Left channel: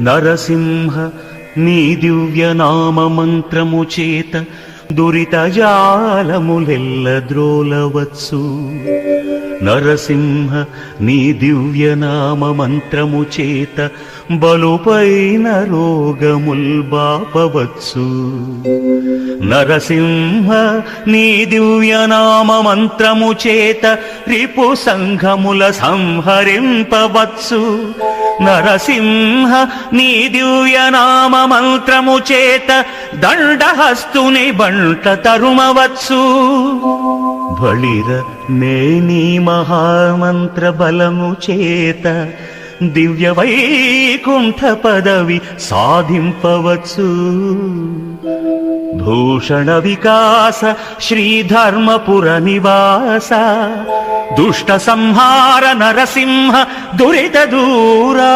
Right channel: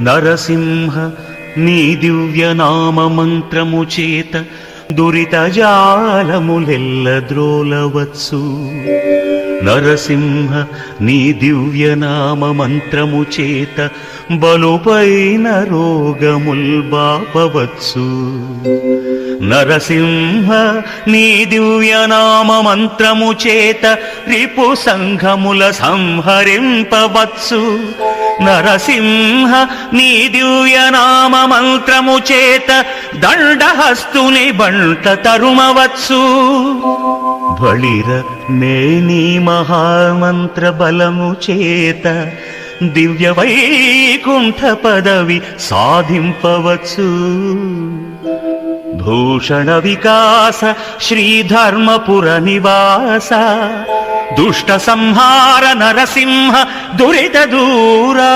నరసింహ నీ దివ్య నామ మంత్రము చేత దురిత జాలములెల్ల ద్రోలవచ్చు. నరసింహ నీ దివ్య నామ మంత్రము చేత బలుపైన రోగముల్ బాపవచ్చు నరసింహ నీ దివ్య నామ మంత్రము చేత రిపు సంఘముల సంహరింపవచ్చు. నరసింహ నీ దివ్య నామ మంత్రము చేత దండహస్తుని బంట తరుమవచ్చు. బళిర మేని మహామంత్ర బలము చేత దివ్య వైకుంఠ పదవి సాధింపవచ్చు. భూషణ వికాస శ్రీధర్మపుర నివాస దుష్ట సంహార నరసింహ దురిత దూరా